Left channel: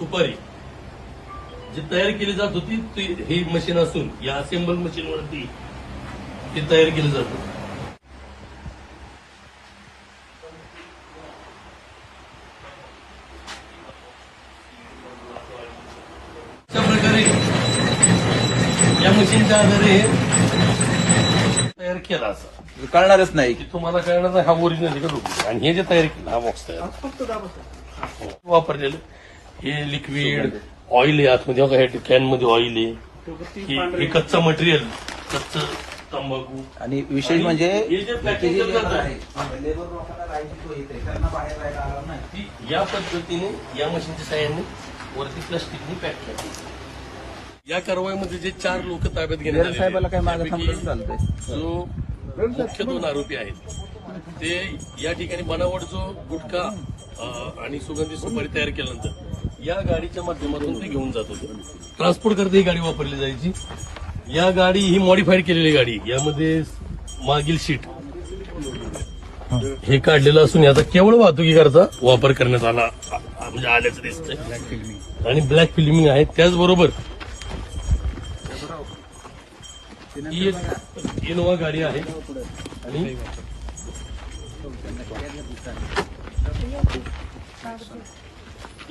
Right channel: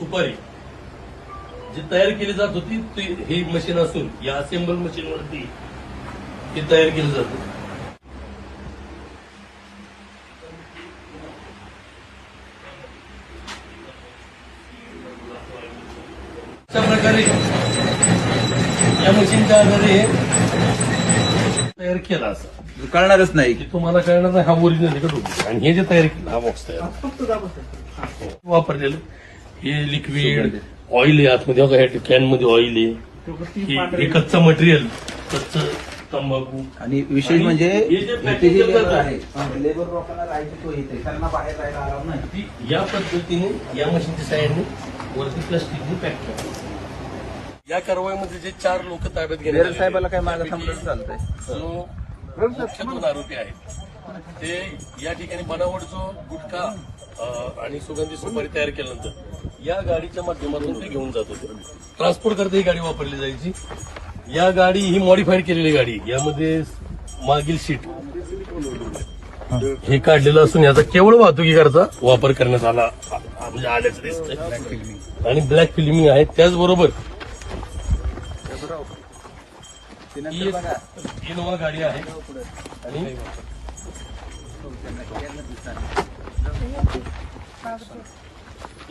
सुपारी जी तयार केली जात होती हे मशीन असून या असेंबल मशीनवरती ती तयार केली जाते. अशा प्रकारे या मशीनच्या आधारे तयार केला असं कळणारच नाही. तुम्हाला कळणार नाही. हा ओरिजिनल तिकडे आणि हे जे तयार केलं हा बॉक्स तयार वापरलेलं हे लिक्विड ऑइल आहे आतमध्ये बघा ह्या कॅन मध्ये ऑइल आहे. हे कच्चं मटेरियल कच्चं तंबाखू आणि विशेष म्हणजे हे जे इथे packing जे लेबर करतात, आहे लेबर लोकांना लाईट तो येते कारण बाहेर जायला आराम नाही. ती या पद्धतीने या मशीनच्या साह्याने वरती प्लास्टिकने पॅक करतात. या कारवाईमध्ये जे 4 लोक ताब्यात घेण्यात आलेले साहेबाला काय मागं त्यापैकी थांबलं चालतंय. जो मुख्य 2 आरोपी आहेत ते या ठिकाणी बनावट जो गुटखा आणि सुगंधी सुपारी तयार केल्यानंतर या गाडीच्या माध्यमातून ते घेऊन जात होते. ट्रान्सपोर्ट करता ही गाडी वापरली जायची. या गाडी ही मॉडिफाईड केलेली गाडी. यामध्ये मागील सीट हे काढलेलं असून याचा केवळ वाहतुकीकरता वापर करण्यात आला म्हणजे आल्याचं दिसतंय आणि ब्लॅक फिल्मिंग आहे. त्याचबरोबर ही एक इनोवा गाडी आहे आणि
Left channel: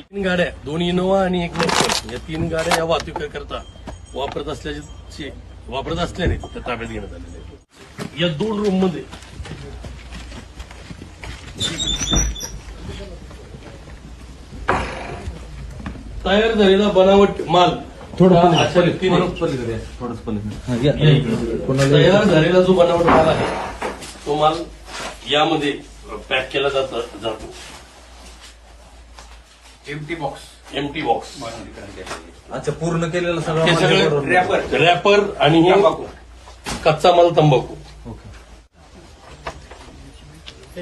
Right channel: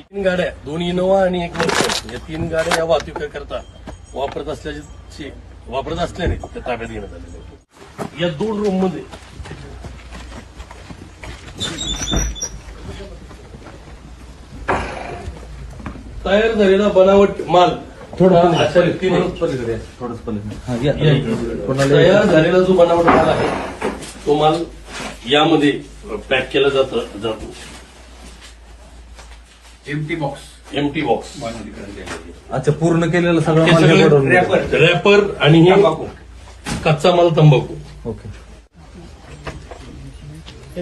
तीन गाड्या 2 इनोवा आणि 1 नेक्सॉन या 3 गाड्या या वाहतुकीकरता वापरत असल्याने त्या ताब्यात घेण्यात आलेल्या. या 2 रूम मध्ये तयार झालेला बनावट माल अशा रीतीने तयार झालेला जो बनावट माल आहे तो माल यामध्ये पॅक केला जातो. एमटी बॉक्स अच्छा पूर्ण केलेलं हे सगळं रॅपर आणि हे कच्चा माल तंबाखू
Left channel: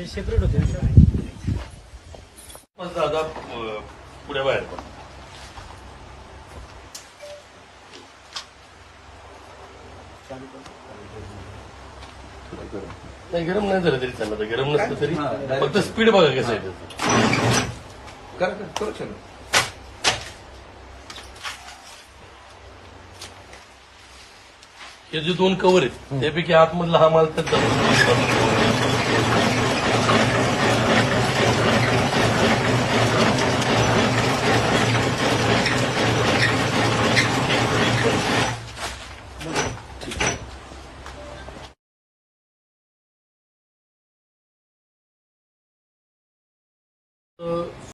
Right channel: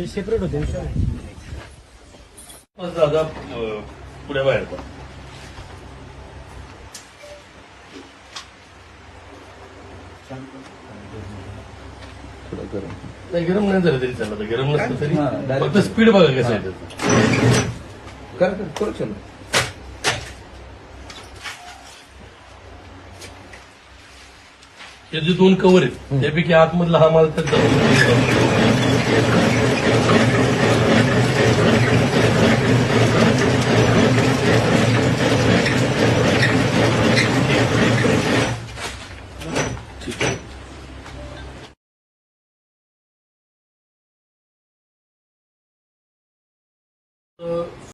सेपरेट होते. दादा पुढे बाहेर पड. नाही गरम नाही झालं तरी चालतं. गरम नसलं तरी फक्त स्पीड बघा कसं आहे. करू चलो. हे जे 2 कव्हर आहेत त्यापैकी आतमधला हा माल तर जातो.